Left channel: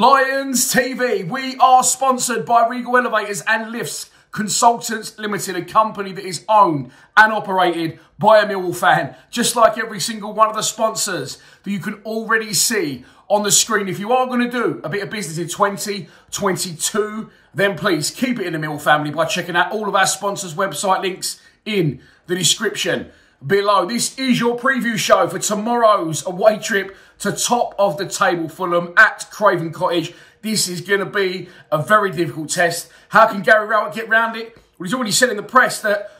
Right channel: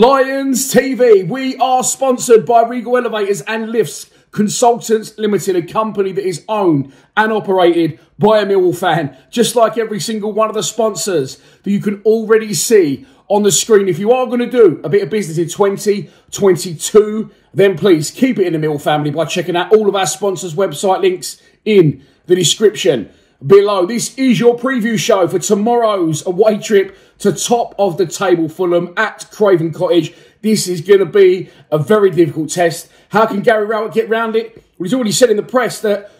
Lions TV, we are sponsored by Regal Elevators and Lifts Consultants Limited, a company that is owned and operated by a Millwall fan, just like every single one of the sponsors that you can already see on the screen. If you are going to do a bit of business in 2022, then please keep it in the Millwall family by checking out all of our sponsors' website links in the description below. This is your preview show for tomorrow's away trip to top of the table Fulham at Craven Cottage. This is going to be a very difficult test. How can Gary Rowett get round it? Well, he's already said in the press that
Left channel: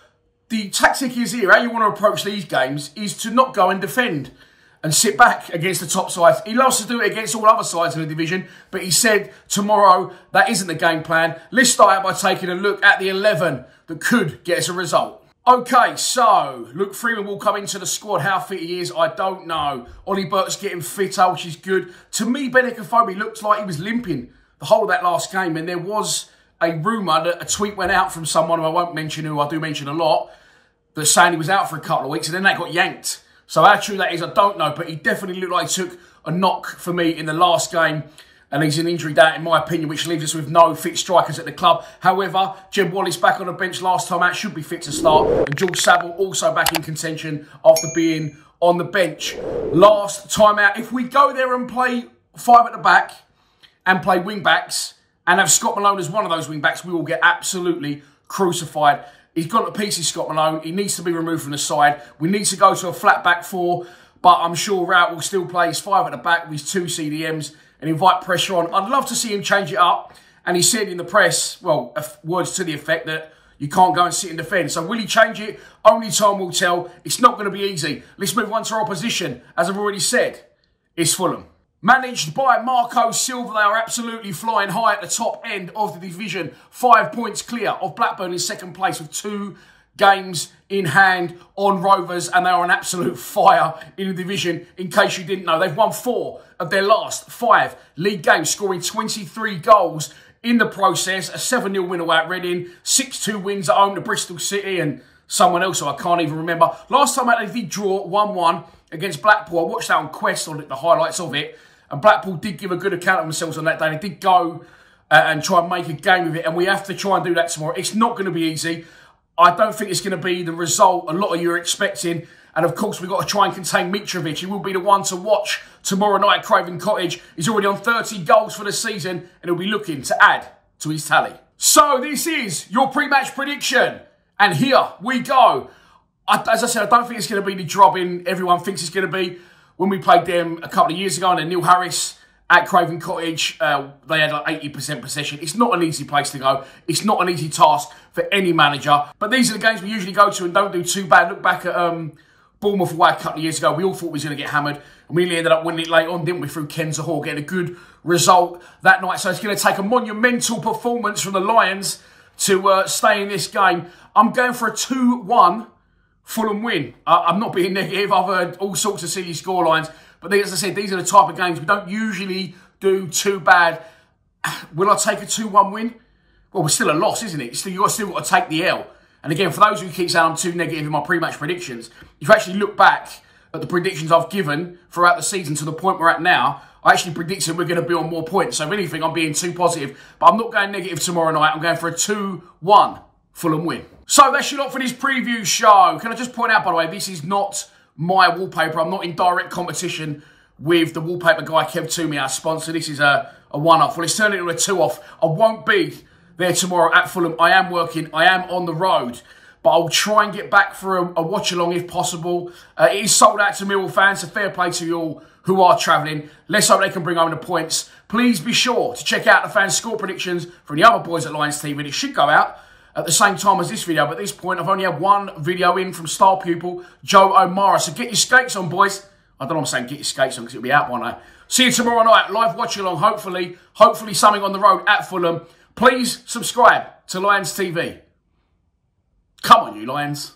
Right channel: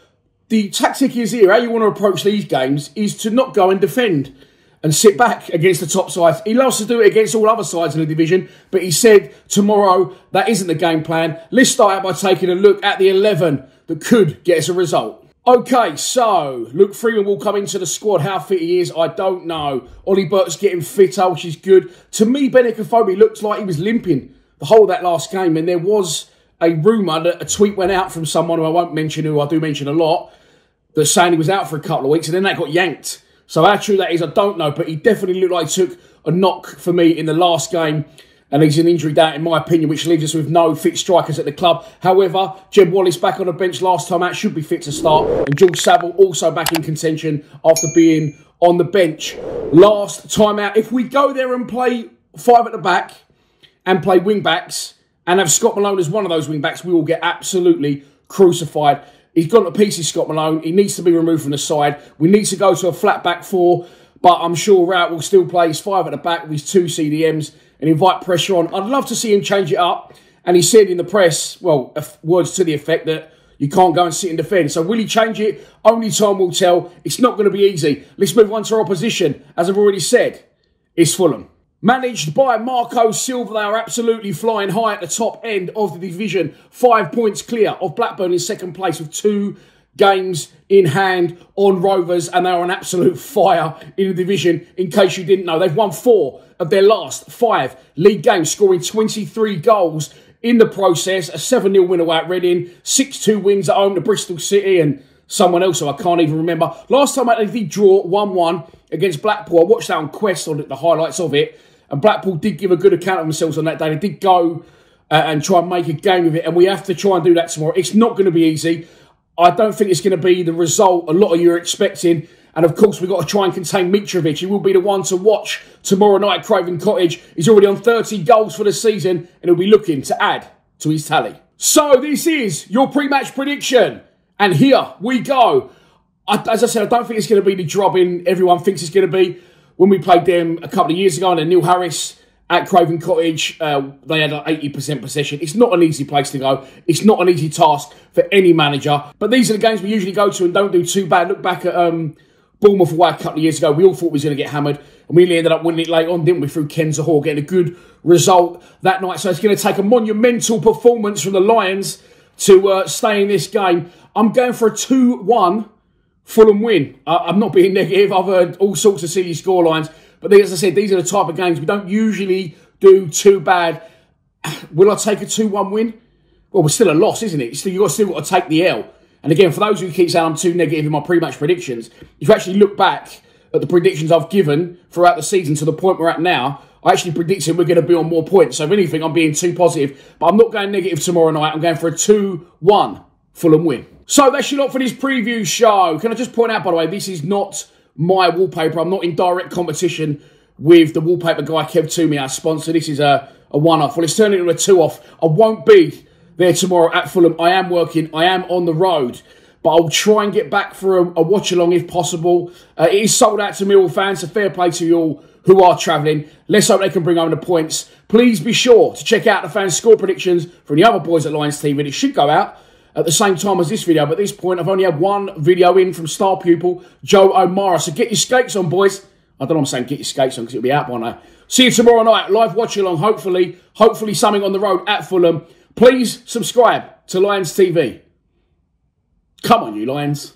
the tactic is here. How you want to approach these games is to not go and defend and sit back against the top sides. He loves to do it against all other sides in the division, but he said tomorrow that isn't the game plan. Let's start out by taking a look at the 11 that could get us a result. Okay, so Luke Freeman will come into the squad. How fit he is, I don't know. Ollie Burke's getting fitter, which is good. To me, Benicofobie looked like he was limping the whole of that last game, and there was a rumour that a tweet went out from someone who I won't mention, who I do mention a lot, that saying he was out for a couple of weeks, and then that got yanked. So how true that is, I don't know, but he definitely looked like he took a knock for me in the last game, and he's an injury doubt, in my opinion, which leaves us with no fit strikers at the club. However, Jeb Wallace back on the bench last time out, should be fit to start. And George Saville also back in contention after being on the bench last time out. If we go there and play 5 at the back and play wing-backs and have Scott Malone as one of those wing-backs, we will get absolutely crucified. He's gone to pieces, Scott Malone. He needs to be removed from the side. We need to go to a flat back 4, but I'm sure Rowett will still play his 5 at the back with his 2 CDMs and invite pressure on. I'd love to see him change it up. And he said in the press, well, words to the effect that you can't go and sit and defend. So will he change it? Only time will tell. It's not going to be easy. Let's move on to our opposition. As I've already said, it's Fulham. Managed by Marco Silva, they are absolutely flying high at the top end of the division. 5 points clear of Blackburn in second place with 2 games in hand on Rovers, and they are an absolute fire in the division. In case you didn't know, they've won 4 of their last 5 league games, scoring 23 goals in the process. A 7-0 win away at Reading, 6-2 wins at home to Bristol City and someone else who I can't even remember. Last time out they did draw 1-1 against Blackpool. I watched that on Quest, on the highlights of it, and Blackpool did give a good account of themselves on that day. They did go and try and make a game of it, and we have to try and do that tomorrow. It's not going to be easy. I don't think it's going to be the result a lot of you are expecting. And of course, we've got to try and contain Mitrovic. He will be the one to watch tomorrow night at Craven Cottage. He's already on 30 goals for the season, and he'll be looking to add to his tally. So this is your pre-match prediction. And here we go. As I said, I don't think it's going to be the drubbing everyone thinks it's going to be. When we played them a couple of years ago, and Neil Harris at Craven Cottage, they had like 80% possession. It's not an easy place to go. It's not an easy task for any manager. But these are the games we usually go to and don't do too bad. Look back at Bournemouth away a couple of years ago. We all thought we was going to get hammered. And we ended up winning it late on, didn't we, through Kenza Hall, getting a good result that night. So it's going to take a monumental performance from the Lions to stay in this game. I'm going for a 2-1 Fulham win. I'm not being negative. I've heard all sorts of silly scorelines. But as I said, these are the type of games we don't usually do too bad. Will I take a 2-1 win? Well, it's still a loss, isn't it? You've still got to take the L. And again, for those who keep saying I'm too negative in my pre-match predictions, if you actually look back at the predictions I've given throughout the season to the point we're at now, I actually predicted we're going to be on more points. So if anything, I'm being too positive. But I'm not going negative tomorrow night. I'm going for a 2-1 Fulham win. So that's your lot for this preview show. Can I just point out, by the way, this is not my wallpaper. I'm not in direct competition with the wallpaper guy, Kev Toomey, our sponsor. This is a one-off. Well, it's turned into a 2-off. I won't be there tomorrow at Fulham. I am working. I am on the road. But I'll try and get back for a watch-along if possible. It is sold out to Millwall fans, so fair play to you all who are travelling. Let's hope they can bring home the points. Please be sure to check out the fans' score predictions from the other boys at Lions TV. It should go out at the same time as this video, but at this point, I've only had one video in from star pupil Joe O'Mara. So get your skates on, boys. I don't know what I'm saying, get your skates on, because it'll be out by now. See you tomorrow night, live watch-along, hopefully something on the road at Fulham. Please subscribe to Lions TV. Come on, you Lions.